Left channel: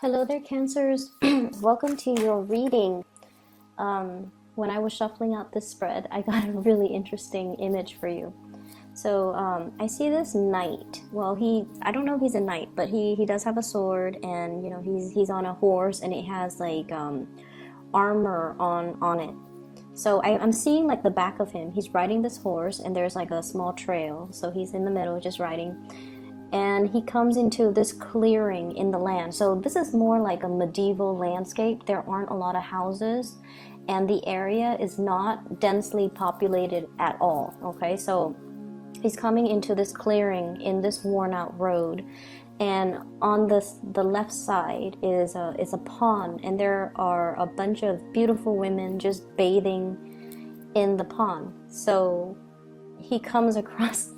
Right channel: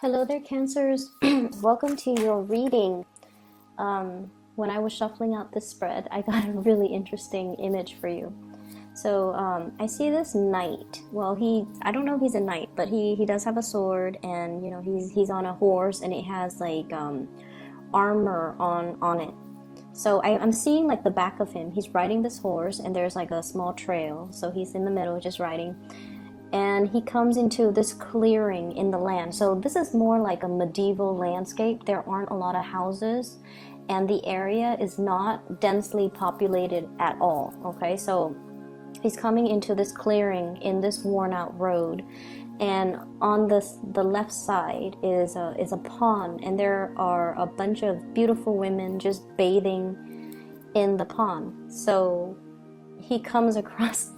Hello there, Cancers. Welcome to your reading. When I was shuffling out this spread, I got a really interesting image for you. So I see this knight. Well, I don't know if he's a knight, but he does have a sword, and he's on a horse, and it has like armor on it. So I'm seeing like the back of him. He's riding this horse, and there's like a small trail. So he's in the middle, just riding, and he comes into this clearing in the land. So this is more like a medieval landscape. There aren't a lot of houses, and the area is not densely populated at all. Okay, so he's coming into this clearing in this worn out road, and on the left side is a pond, and there are a bunch of beautiful women just bathing in the pond. So he comes across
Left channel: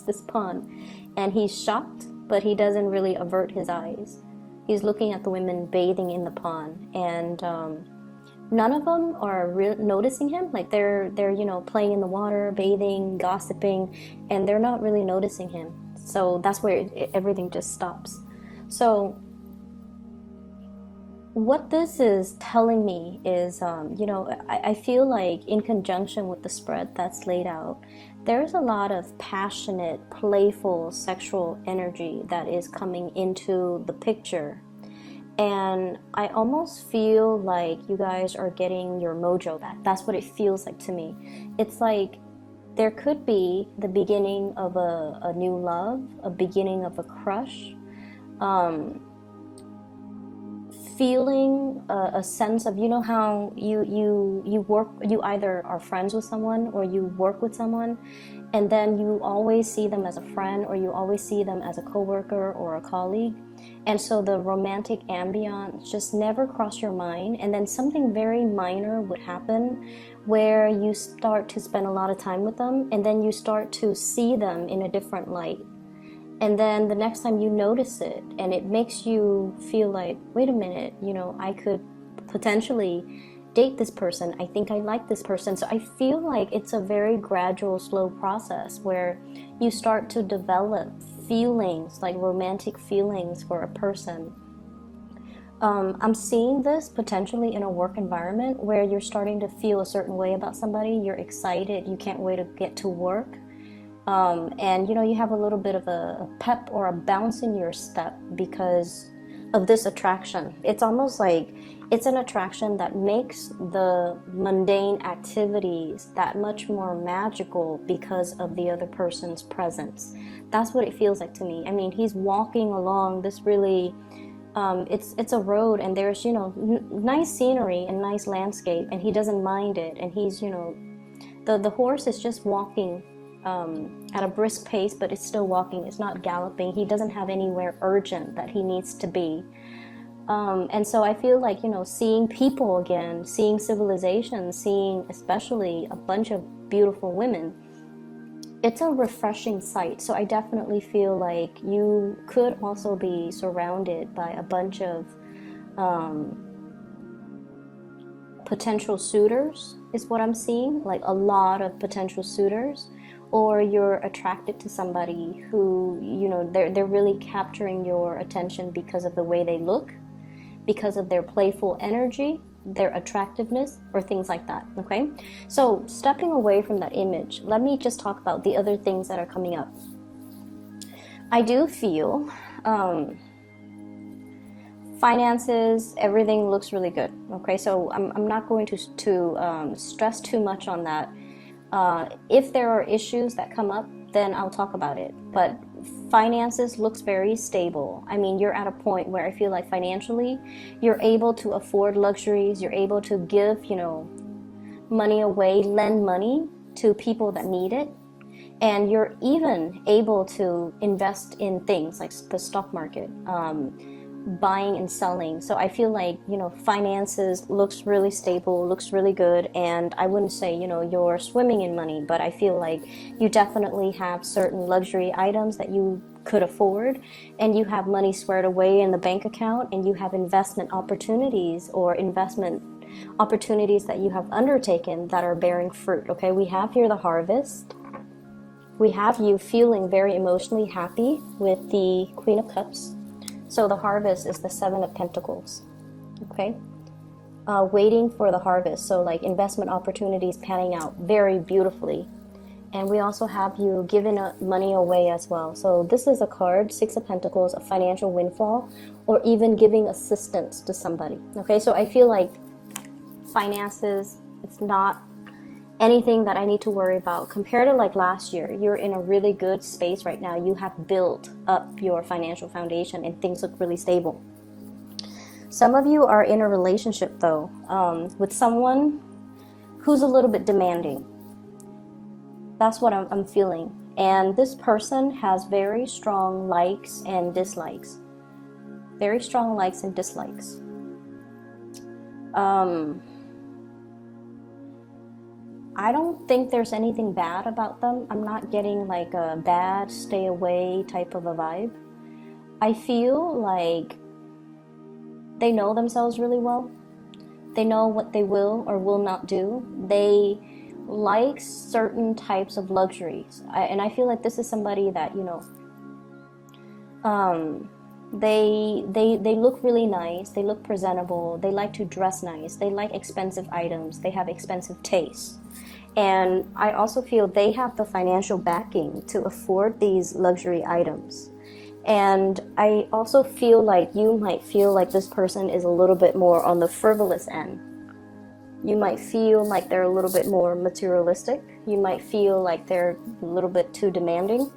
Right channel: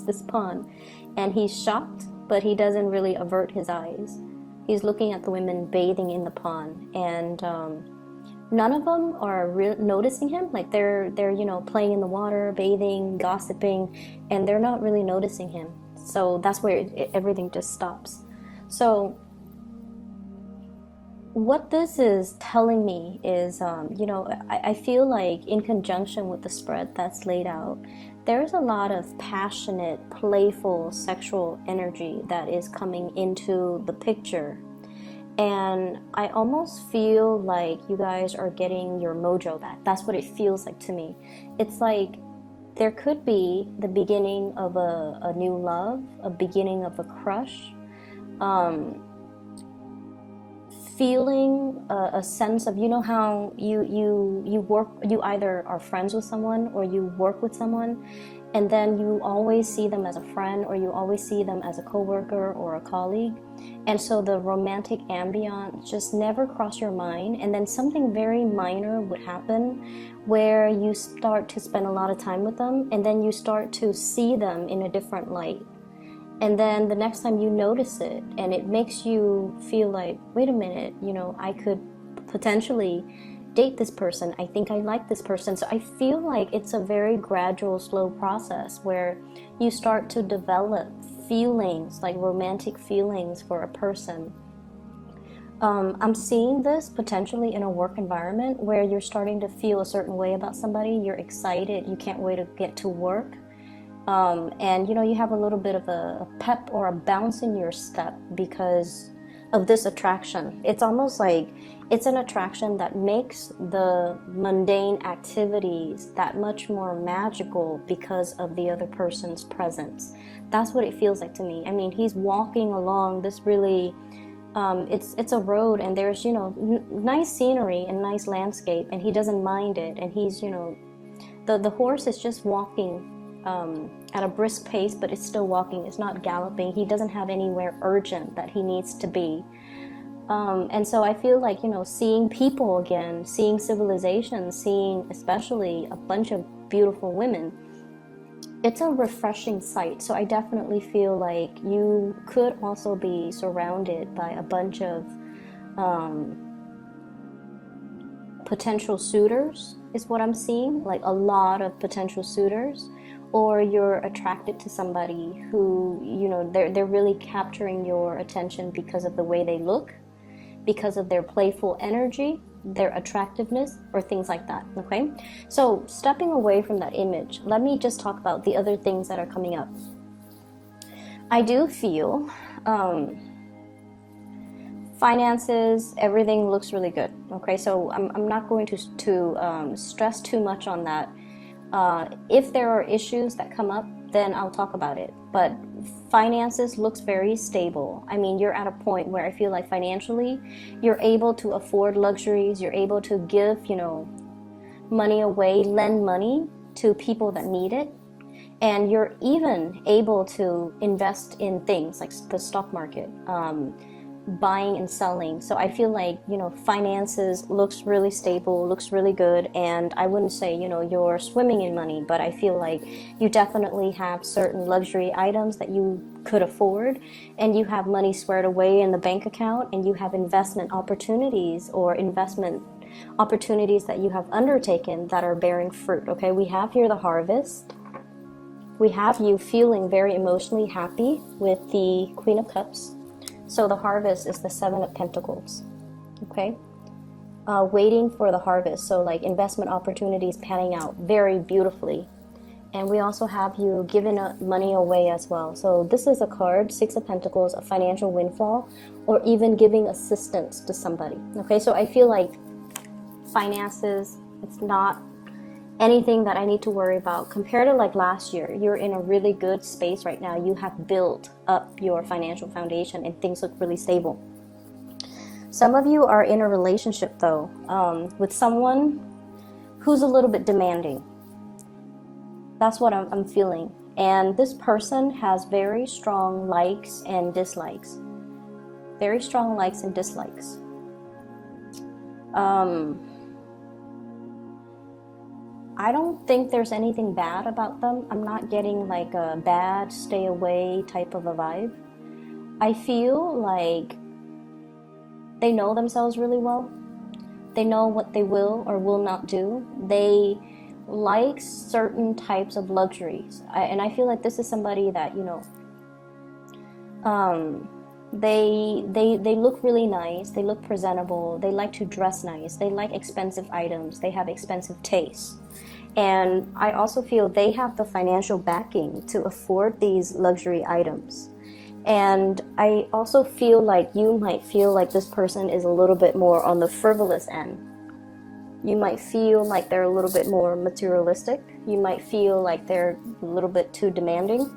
this pond, and he's shocked, but he doesn't really avert his eyes. He's looking at the women bathing in the pond, and none of them are noticing him. Like they're playing in the water, bathing, gossiping, and they're not really noticing him. So that's where everything just stops. So what this is telling me is, I feel like in conjunction with the spread that's laid out, there's a lot of passionate, playful, sexual energy that is coming into the picture. And I almost feel like you guys are getting your mojo back. That's what it feels like to me. It's like there could be the beginning of a new love, a beginning of a crush, feeling a sense of, how you either are friends with someone or you work with someone, and then you always see them as a friend, or you always see them as a coworker or a colleague, and so the romantic ambiance just never crossed your mind, and then something very minor would happen where you start to spend a lot of time with them, and then you start to see them in a different light. And then the next time you notice it, and it makes you feel like, wait a minute, I could potentially date this person. I think I like this person. So I feel like it's a very gradual, slow process where you start to develop feelings, like romantic feelings for a person. I'm seeing this potentially in a work environment where you're starting to feel a certain way about somebody. You're excited. You can't wait to get to work. And you have a little bit of a pep or a bounce in your step because of this attraction. It's almost like it's an attraction that makes the mundane activities that much more magical because of the other person's presence. That's what it feels like to me. I mean, he's walking along this really it's a road, and there's nice scenery and nice landscape, and he doesn't mind it, and he's the horse is just walking at a brisk pace, but it's still walking. It's not galloping. He doesn't have anywhere urgent that he needs to be. And so I feel like, seeing people again, seeing civilization, seeing especially a bunch of beautiful women, it's a refreshing sight. So I definitely feel like you could also be surrounded by a bunch of potential suitors, is what I'm seeing, like a lot of potential suitors. Or you're attracted to somebody who, they're really capturing your attention because of the way they look, because of their playful energy, their attractiveness, or things like that, okay? So stepping away from that image, let me just talk about the other things that are coming up. I do feel finances, everything looks really good, okay? So I'm not going to stress too much on that. If there are issues that come up, then I'll talk about it. But finances looks very stable. I mean, you're at a point where I feel like financially, you're able to afford luxuries. You're able to give, money away, lend money to people that need it. And you're even able to invest in things like the stock market, buying and selling. So I feel like, finances looks really stable, looks really good. And I wouldn't say, you're swimming in money, but I feel like you definitely have certain luxury items that you could afford, and you have money squared away in the bank account, and you have investment opportunities that you have undertaken that are bearing fruit. Okay, we have here the harvest. We have you feeling very emotionally happy with the Queen of Cups. So the harvest is the Seven of Pentacles. Okay? Waiting for the harvest. So like investment opportunities panning out very beautifully. And we also have you giving money away as well. So this is a card, Six of Pentacles, a financial windfall, or even giving assistance to somebody. Okay, so I feel like finances, it's not anything that I need to worry about. Compared to like last year, you're in a really good space right now. You have built up your financial foundation and things look really stable. Some of you are in a relationship though, with someone who's a little bit demanding. That's what I'm feeling. And this person has very strong likes and dislikes. Very strong likes and dislikes. I don't think there's anything bad about them. I'm not getting like a bad, stay away type of a vibe. I feel like they know themselves really well. They know what they will or will not do. They like certain types of luxuries. And I feel like this is somebody that, you know, they look really nice. They look presentable. They like to dress nice. They like expensive items. They have expensive tastes. And I also feel they have the financial backing to afford these luxury items. And I also feel like you might feel like this person is a little bit more on the frivolous end. You might feel like they're a little bit more materialistic. You might feel like they're a little bit too demanding.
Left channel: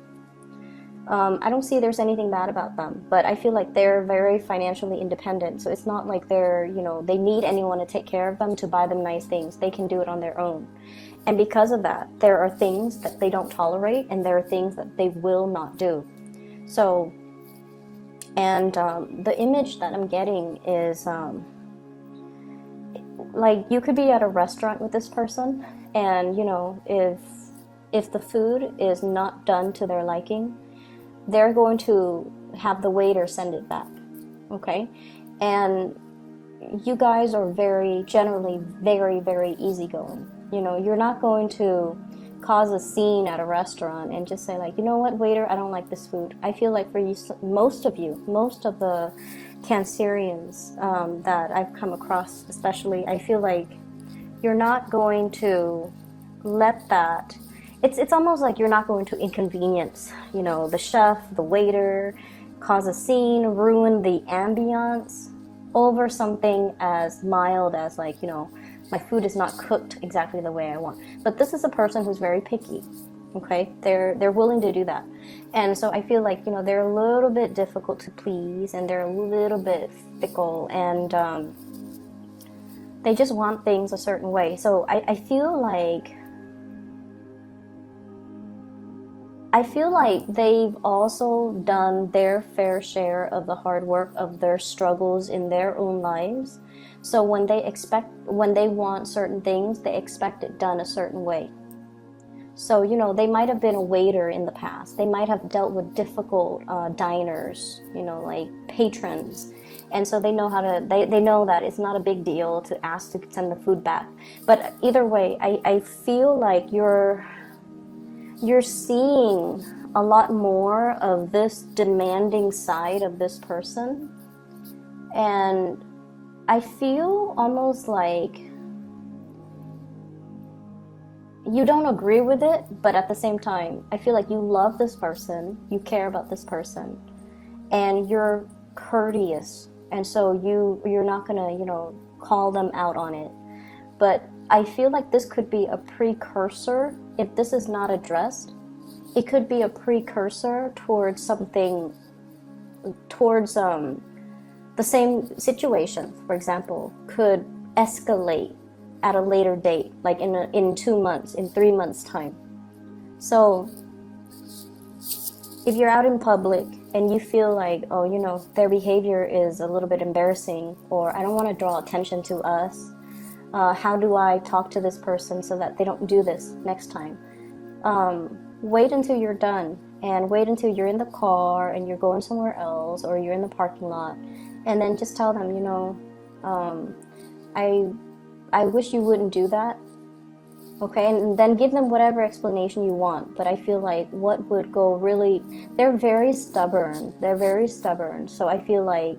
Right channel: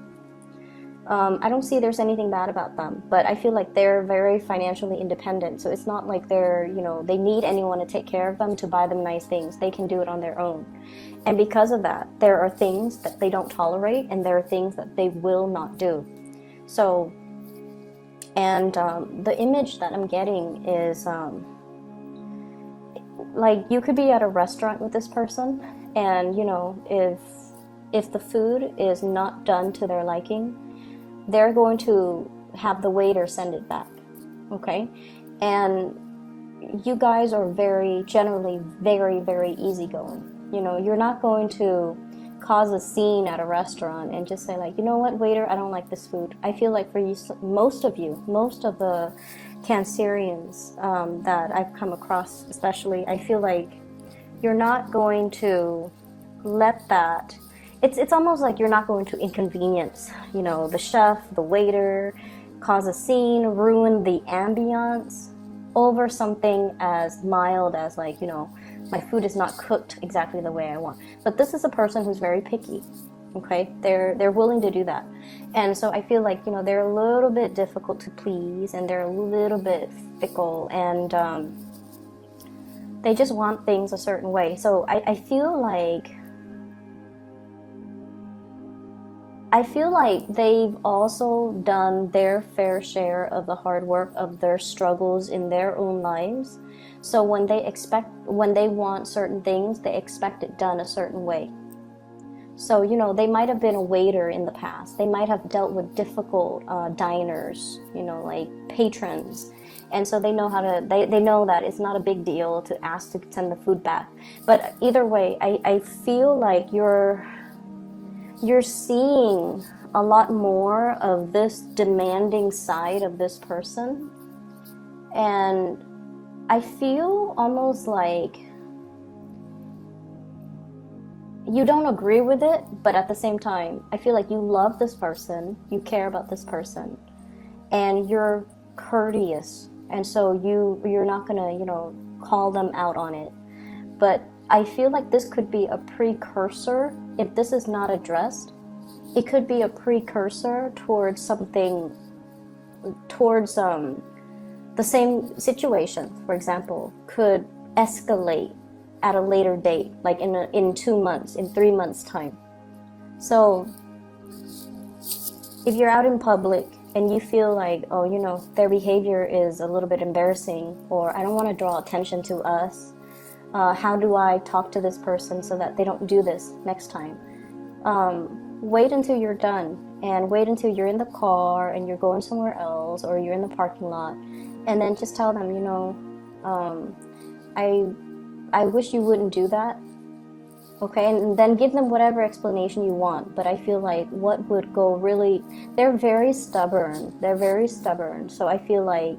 I don't see there's anything bad about them, but I feel like they're very financially independent. So it's not like they're, you know, they need anyone to take care of them, to buy them nice things. They can do it on their own. And because of that, there are things that they don't tolerate and there are things that they will not do. So, and the image that I'm getting is like you could be at a restaurant with this person and, you know, if the food is not done to their liking, they're going to have the waiter send it back. Okay? And you guys are generally very, very easygoing. You know, you're not going to cause a scene at a restaurant and just say like, you know what, waiter, I don't like this food. I feel like for you, most of the Cancerians that I've come across especially, I feel like you're not going to let that, it's almost like you're not going to inconvenience, you know, the chef, the waiter, cause a scene, ruin the ambiance over something as mild as like, you know, my food is not cooked exactly the way I want. But this is a person who's very picky. Okay, they're willing to do that. And so I feel like, you know, they're a little bit difficult to please and they're a little bit fickle and they just want things a certain way. So I feel like they've also done their fair share of the hard work of their struggles in their own lives. So when they want certain things, they expect it done a certain way. So, you know, they might have been a waiter in the past. They might have dealt with difficult diners, you know, like patrons. And so they know they know that it's not a big deal to ask to send the food back. But either way, I feel like you're seeing a lot more of this demanding side of this person. And I feel almost like you don't agree with it, but at the same time, I feel like you love this person, you care about this person, and you're courteous. And so you're not gonna, you know, call them out on it. But I feel like this could be a precursor. If this is not addressed, it could be a precursor towards something, towards the same situation, for example, could escalate at a later date, like in 2 months, in 3 months' time. So if you're out in public and you feel like, oh, you know, their behavior is a little bit embarrassing, or I don't want to draw attention to us, how do I talk to this person so that they don't do this next time? Wait until you're done, and wait until you're in the car and you're going somewhere else, or you're in the parking lot, and then just tell them, you know, I wish you wouldn't do that. Okay, and then give them whatever explanation you want. But I feel like what would go really, they're very stubborn. They're very stubborn. So I feel like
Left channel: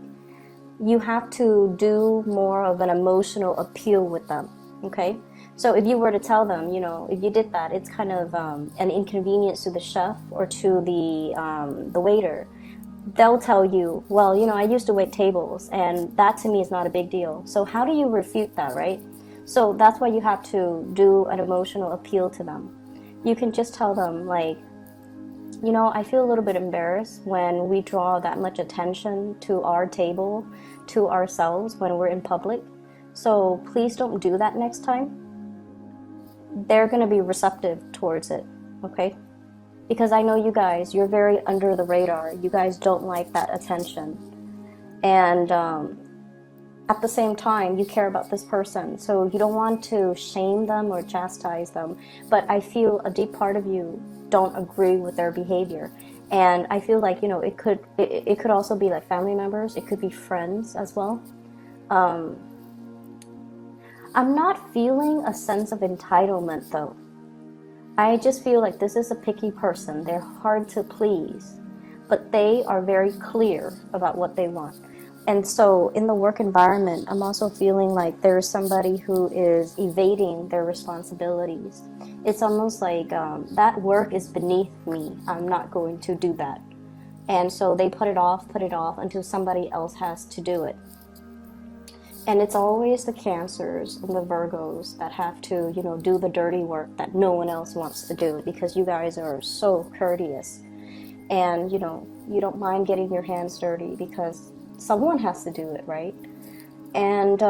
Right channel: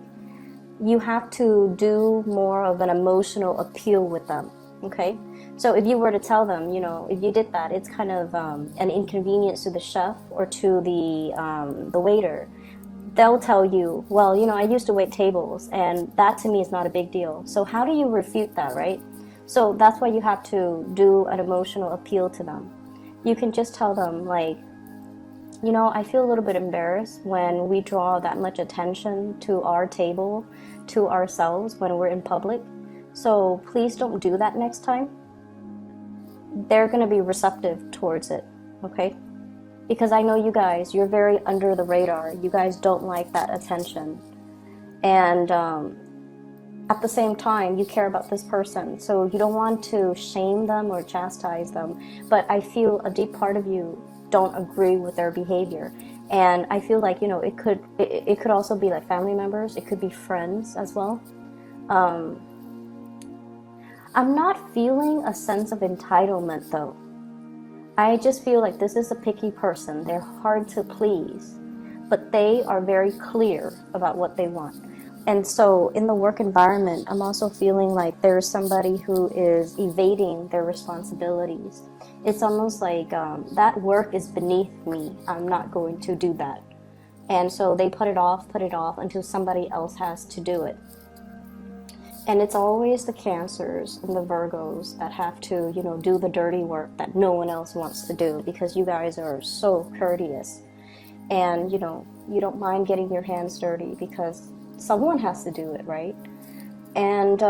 you have to do more of an emotional appeal with them. Okay, so if you were to tell them, you know, if you did that, it's kind of an inconvenience to the chef or to the waiter. They'll tell you, well, you know, I used to wait tables, and that to me is not a big deal. So how do you refute that, right? So that's why you have to do an emotional appeal to them. You can just tell them, like, you know, I feel a little bit embarrassed when we draw that much attention to our table, to ourselves when we're in public. So please don't do that next time. They're going to be receptive towards it, okay? Because I know you guys, you're very under the radar. You guys don't like that attention. And at the same time, you care about this person. So you don't want to shame them or chastise them. But I feel a deep part of you don't agree with their behavior. And I feel like, you know, it could also be like family members. It could be friends as well. I'm not feeling a sense of entitlement though. I just feel like this is a picky person. They're hard to please, but they are very clear about what they want. And so in the work environment, I'm also feeling like there's somebody who is evading their responsibilities. It's almost like that work is beneath me. I'm not going to do that. And so they put it off until somebody else has to do it. And it's always the Cancers and the Virgos that have to, you know, do the dirty work that no one else wants to do, because you guys are so courteous. And, you know, you don't mind getting your hands dirty because someone has to do it, right? And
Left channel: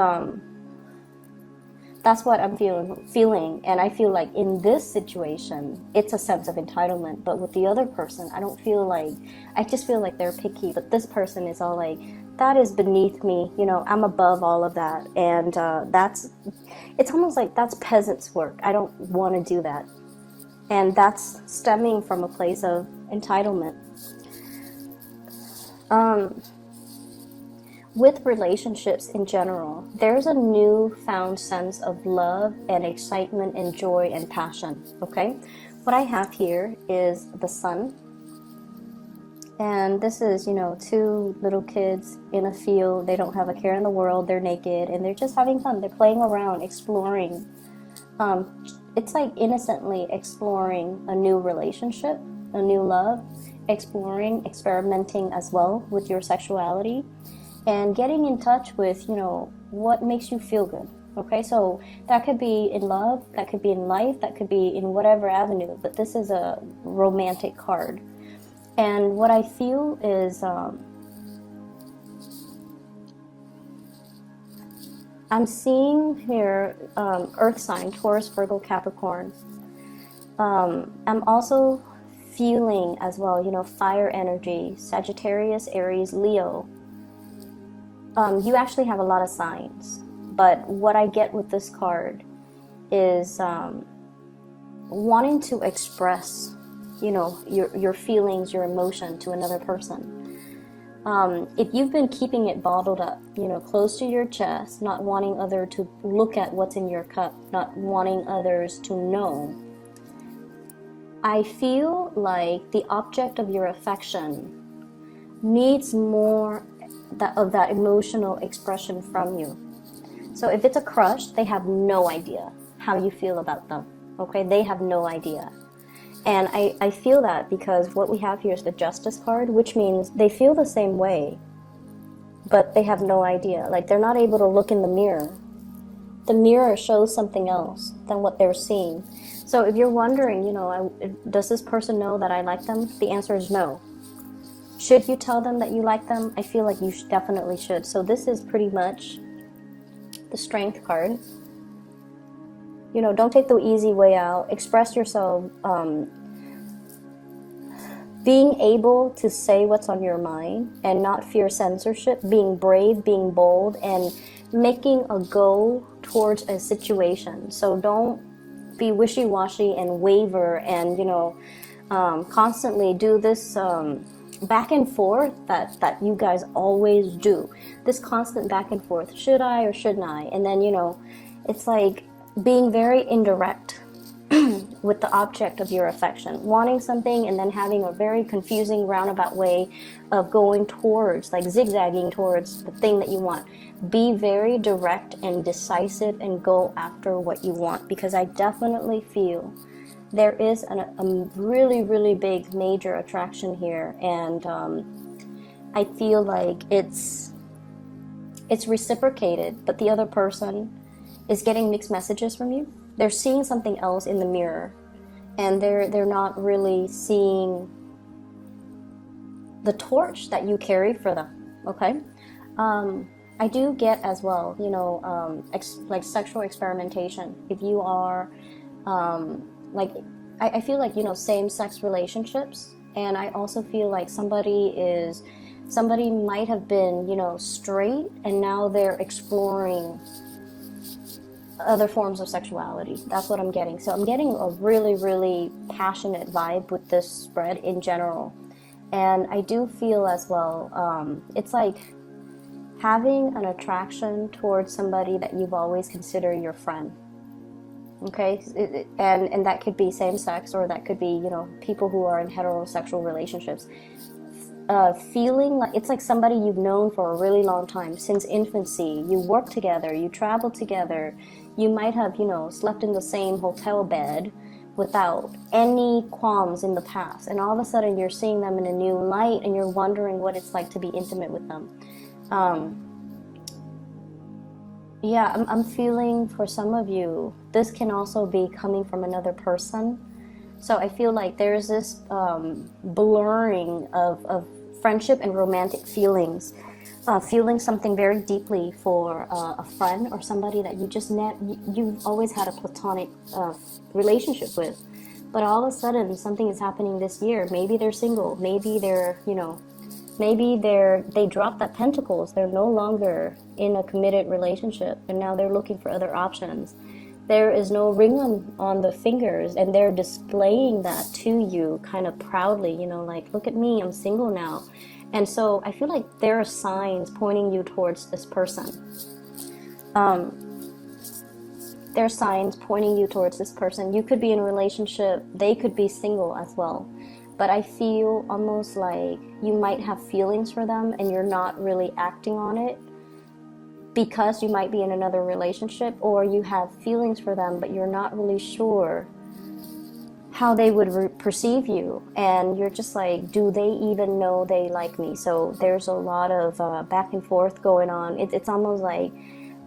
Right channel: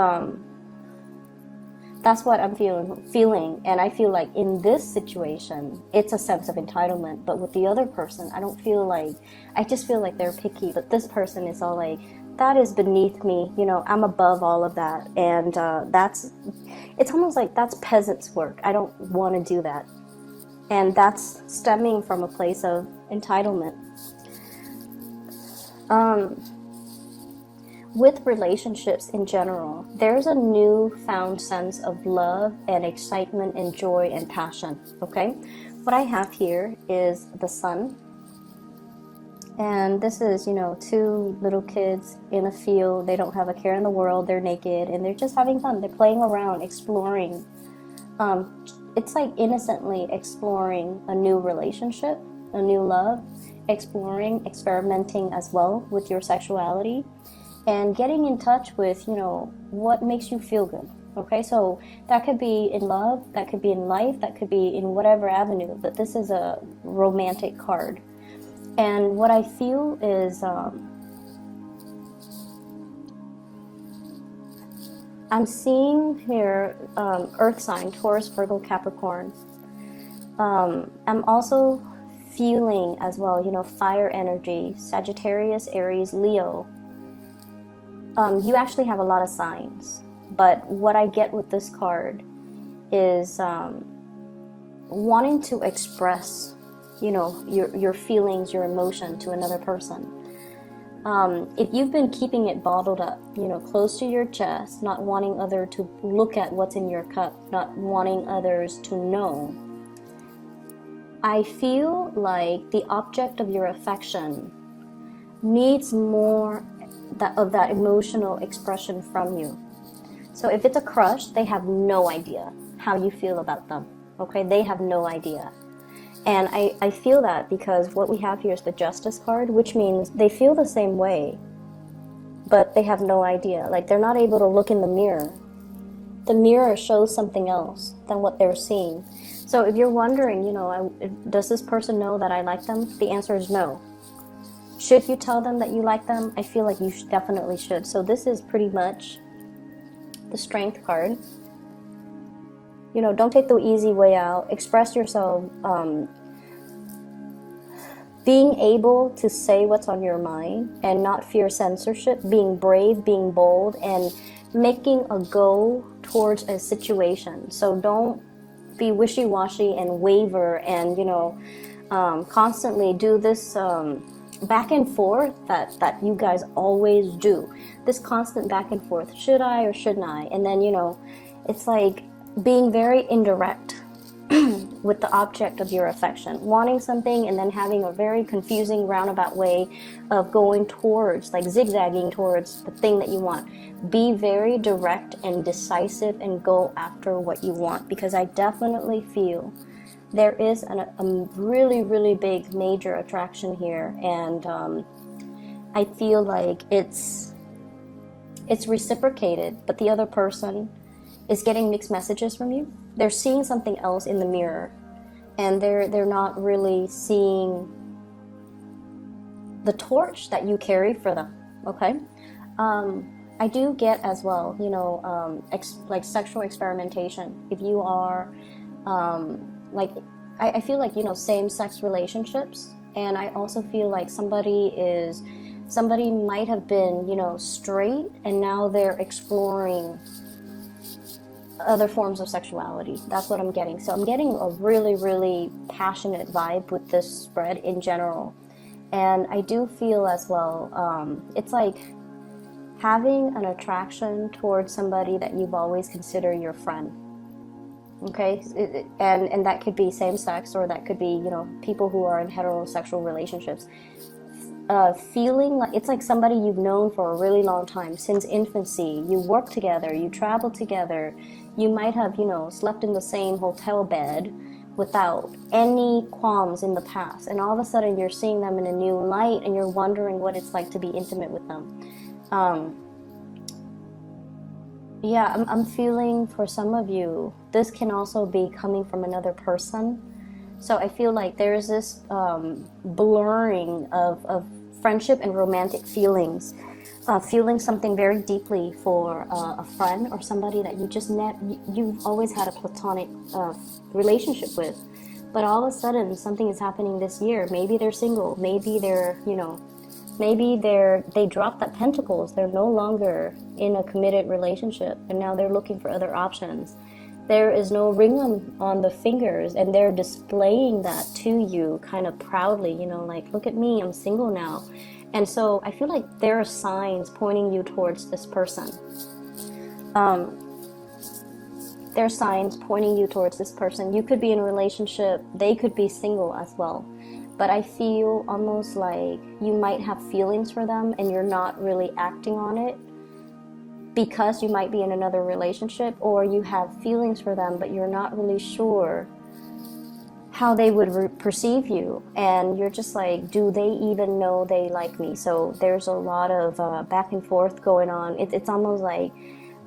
that's what I'm feeling. And I feel like in this situation, it's a sense of entitlement. But with the other person, I don't feel like, I just feel like they're picky. But this person is all like, that is beneath me, you know, I'm above all of that. And it's almost like that's peasant's work. I don't want to do that. And that's stemming from a place of entitlement. With relationships in general, there's a newfound sense of love and excitement and joy and passion, okay? What I have here is the sun. And this is, you know, two little kids in a field. They don't have a care in the world. They're naked and they're just having fun. They're playing around, exploring. It's like innocently exploring a new relationship, a new love, exploring, experimenting as well with your sexuality, and getting in touch with, you know, what makes you feel good. Okay, so that could be in love, that could be in life, that could be in whatever avenue, but this is a romantic card. And what I feel is I'm seeing here earth sign, Taurus, Virgo, Capricorn. I'm also feeling as well, you know, fire energy, Sagittarius, Aries, Leo. You actually have a lot of signs, but what I get with this card is wanting to express, you know, your feelings, your emotion to another person. If you've been keeping it bottled up, you know, close to your chest, not wanting others to look at what's in your cup, not wanting others to know, I feel like the object of your affection needs more of that emotional expression from you. So if it's a crush, they have no idea how you feel about them. Okay, they have no idea. And I feel that because what we have here is the Justice card, which means they feel the same way, but they have no idea. Like, they're not able to look in the mirror. The mirror shows something else than what they're seeing. So if you're wondering, you know, does this person know that I like them? The answer is no. Should you tell them that you like them? I feel like you definitely should. So this is pretty much the Strength card. You know, don't take the easy way out. Express yourself. Being able to say what's on your mind and not fear censorship. Being brave, being bold, and making a go towards a situation. So don't be wishy-washy and waver and, you know, constantly do this back and forth that you guys always do. This constant back and forth. Should I or shouldn't I? And then, you know, it's like being very indirect with the object of your affection, wanting something and then having a very confusing roundabout way of going towards, like zigzagging towards the thing that you want. Be very direct and decisive and go after what you want, because I definitely feel there is a really, really big major attraction here, and I feel like it's reciprocated, but the other person is getting mixed messages from you. They're seeing something else in the mirror, and they're not really seeing the torch that you carry for them. Okay, I do get as well, like sexual experimentation. If you are, like, I feel like, same-sex relationships, and I also feel like somebody might have been, straight, and now they're exploring other forms of sexuality. That's what I'm getting. So I'm getting a really, really passionate vibe with this spread in general. And I do feel as well, it's like having an attraction towards somebody that you've always considered your friend. Okay? And that could be same sex, or that could be, people who are in heterosexual relationships. Feeling like it's like somebody you've known for a really long time, since infancy. You work together, you travel together, you might have, slept in the same hotel bed without any qualms in the past, and all of a sudden you're seeing them in a new light, and you're wondering what it's like to be intimate with them. I'm feeling for some of you, this can also be coming from another person. So I feel like there's this blurring of friendship and romantic feelings. Feeling something very deeply for a friend or somebody that you just met, you've always had a platonic relationship with. But all of a sudden, something is happening this year. Maybe they're single. Maybe they dropped that pentacles. They're no longer in a committed relationship, and now they're looking for other options. There is no ring on the fingers, and they're displaying that to you kind of proudly, like, look at me, I'm single now. And so I feel like there are signs pointing you towards this person. There's signs pointing you towards this person. You could be in a relationship. They could be single as well. But I feel almost like you might have feelings for them, and you're not really acting on it because you might be in another relationship, or you have feelings for them, but you're not really sure how they would perceive you, and you're just like, do they even know they like me? So there's a lot of back and forth going on. It's almost like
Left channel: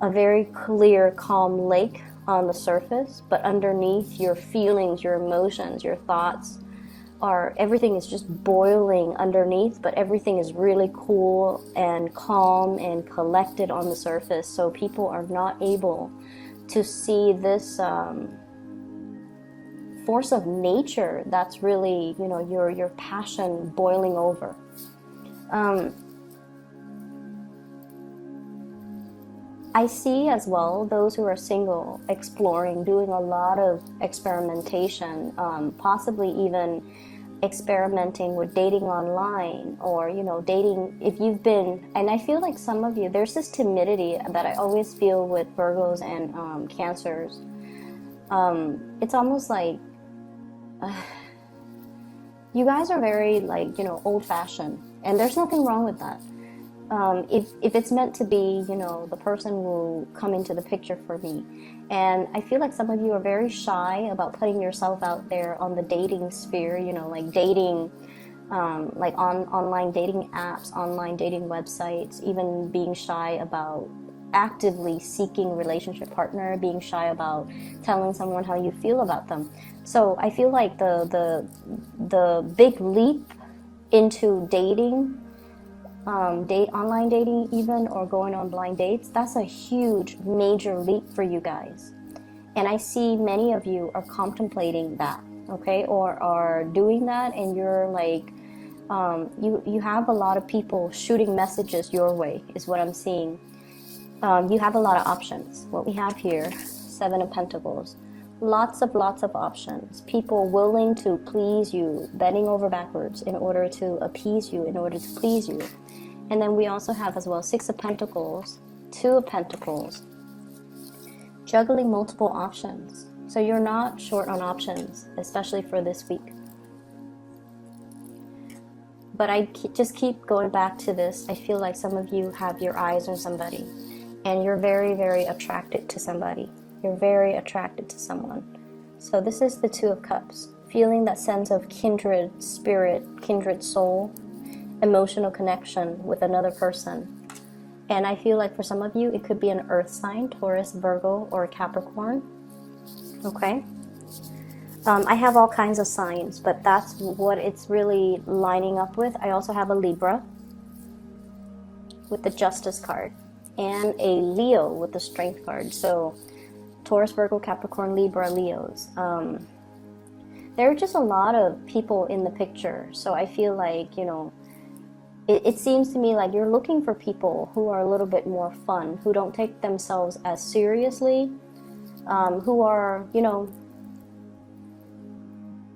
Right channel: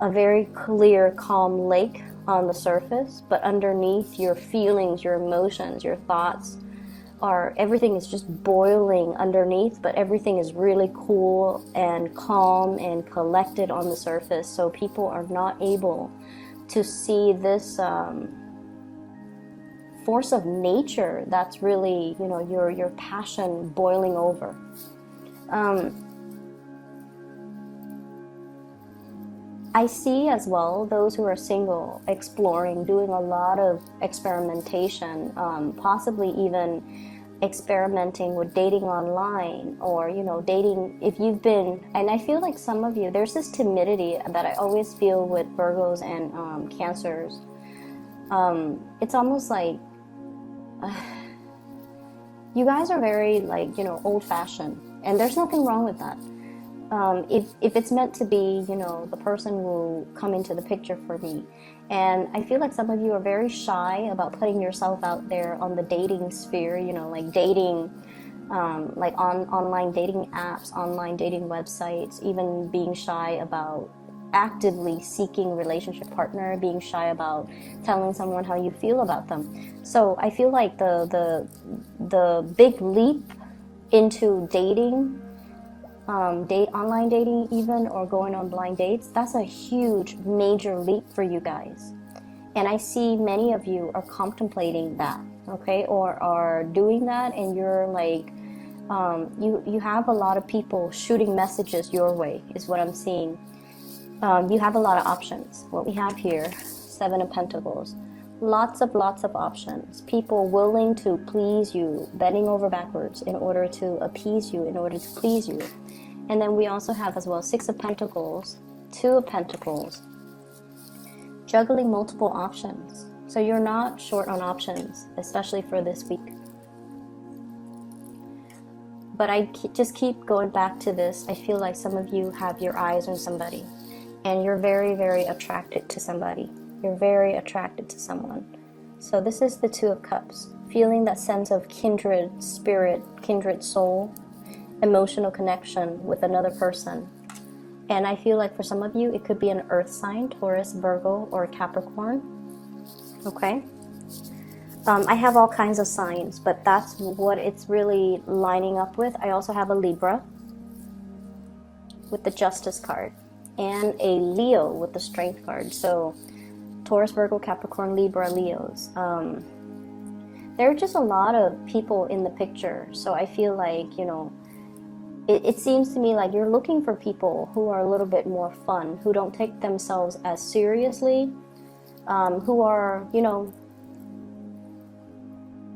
a very clear, calm lake on the surface, but underneath, your feelings, your emotions, your thoughts, or everything is just boiling underneath, but everything is really cool and calm and collected on the surface. So people are not able to see this force of nature that's really, your passion boiling over. I see as well those who are single exploring, doing a lot of experimentation, possibly even experimenting with dating online, or dating if you've been. And I feel like some of you, there's this timidity that I always feel with Virgos and Cancers. It's almost like you guys are very, like, old-fashioned, and there's nothing wrong with that. If it's meant to be, the person will come into the picture for me. And I feel like some of you are very shy about putting yourself out there on the dating sphere, like dating, like on online dating apps, online dating websites, even being shy about actively seeking relationship partner, being shy about telling someone how you feel about them. So I feel like the big leap into dating, online dating even, or going on blind dates, that's a huge major leap for you guys. And I see many of you are contemplating that, okay, or are doing that, and you're like, you have a lot of people shooting messages your way, is what I'm seeing. You have a lot of options. What we have here, 7 of Pentacles, lots of options. People willing to please you, bending over backwards in order to appease you, in order to please you. And then we also have as well 6 of Pentacles, 2 of Pentacles, juggling multiple options. So you're not short on options, especially for this week. But I just keep going back to this. I feel like some of you have your eyes on somebody, and you're very, very attracted to somebody. You're very attracted to someone. So this is the Two of Cups, feeling that sense of kindred spirit, kindred soul, emotional connection with another person. And I feel like for some of you, it could be an earth sign, Taurus, Virgo, or Capricorn. Okay? I have all kinds of signs, but that's what it's really lining up with. I also have a Libra with the Justice card and a Leo with the Strength card. So Taurus, Virgo, Capricorn, Libra, Leos. There are just a lot of people in the picture. So I feel like, you know, it seems to me like you're looking for people who are a little bit more fun, who don't take themselves as seriously, who are, you know,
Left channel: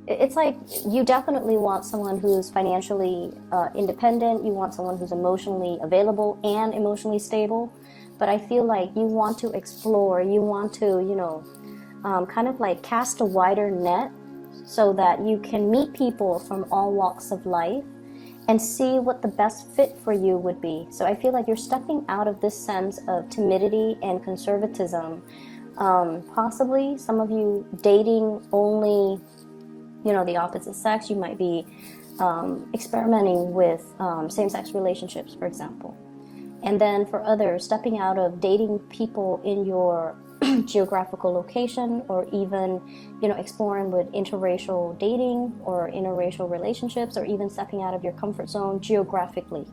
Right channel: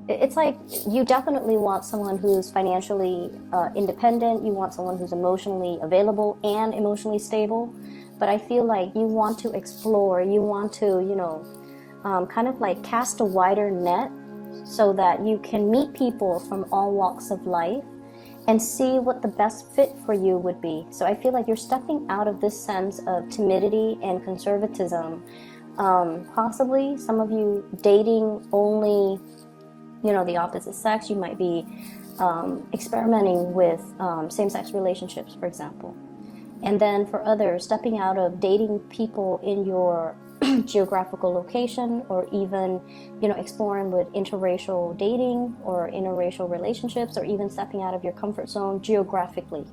it's like you definitely want someone who's financially independent. You want someone who's emotionally available and emotionally stable. But I feel like you want to explore. You want to, you know, kind of like cast a wider net so that you can meet people from all walks of life and see what the best fit for you would be. So I feel like you're stepping out of this sense of timidity and conservatism. Possibly some of you dating only, you know, the opposite sex. You might be experimenting with same-sex relationships, for example. And then for others, stepping out of dating people in your geographical location, or even, you know, exploring with interracial dating or interracial relationships, or even stepping out of your comfort zone geographically.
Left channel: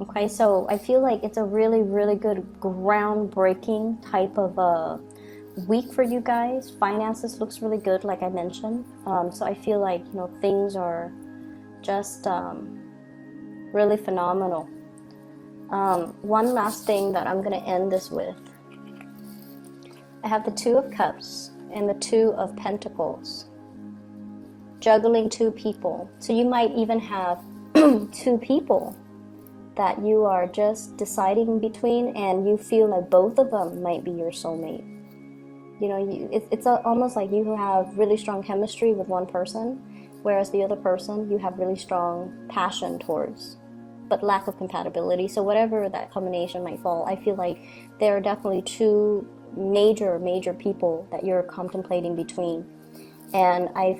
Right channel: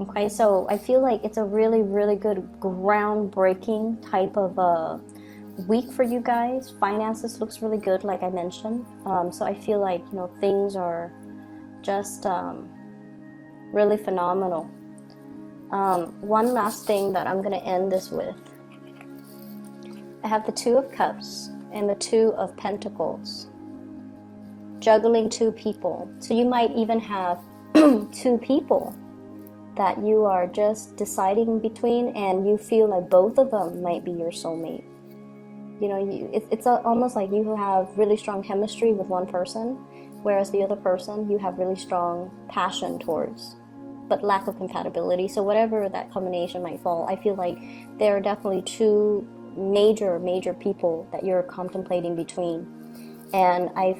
Okay, so I feel like it's a really, really good groundbreaking type of a week for you guys. Finances looks really good, like I mentioned. So I feel like, you know, things are just really phenomenal. One last thing that I'm going to end this with. I have the Two of Cups and the Two of Pentacles. Juggling two people. So you might even have two people that you are just deciding between, and you feel that both of them might be your soulmate. You know, it's almost like you have really strong chemistry with one person, whereas the other person you have really strong passion towards, but lack of compatibility. So whatever that combination might fall, I feel like there are definitely two major people that you're contemplating between. And I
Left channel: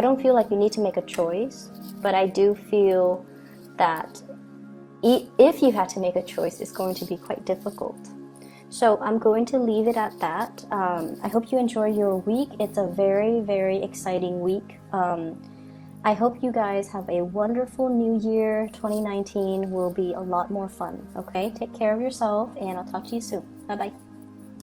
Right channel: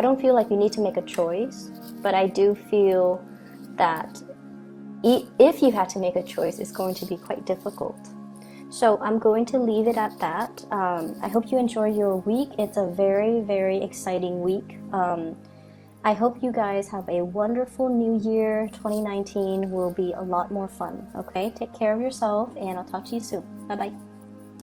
don't feel like you need to make a choice, but I do feel that if you had to make a choice, it's going to be quite difficult. So I'm going to leave it at that. I hope you enjoy your week. It's a very, very exciting week. I hope you guys have a wonderful new year. 2019 will be a lot more fun. Okay, take care of yourself, and I'll talk to you soon. Bye-bye.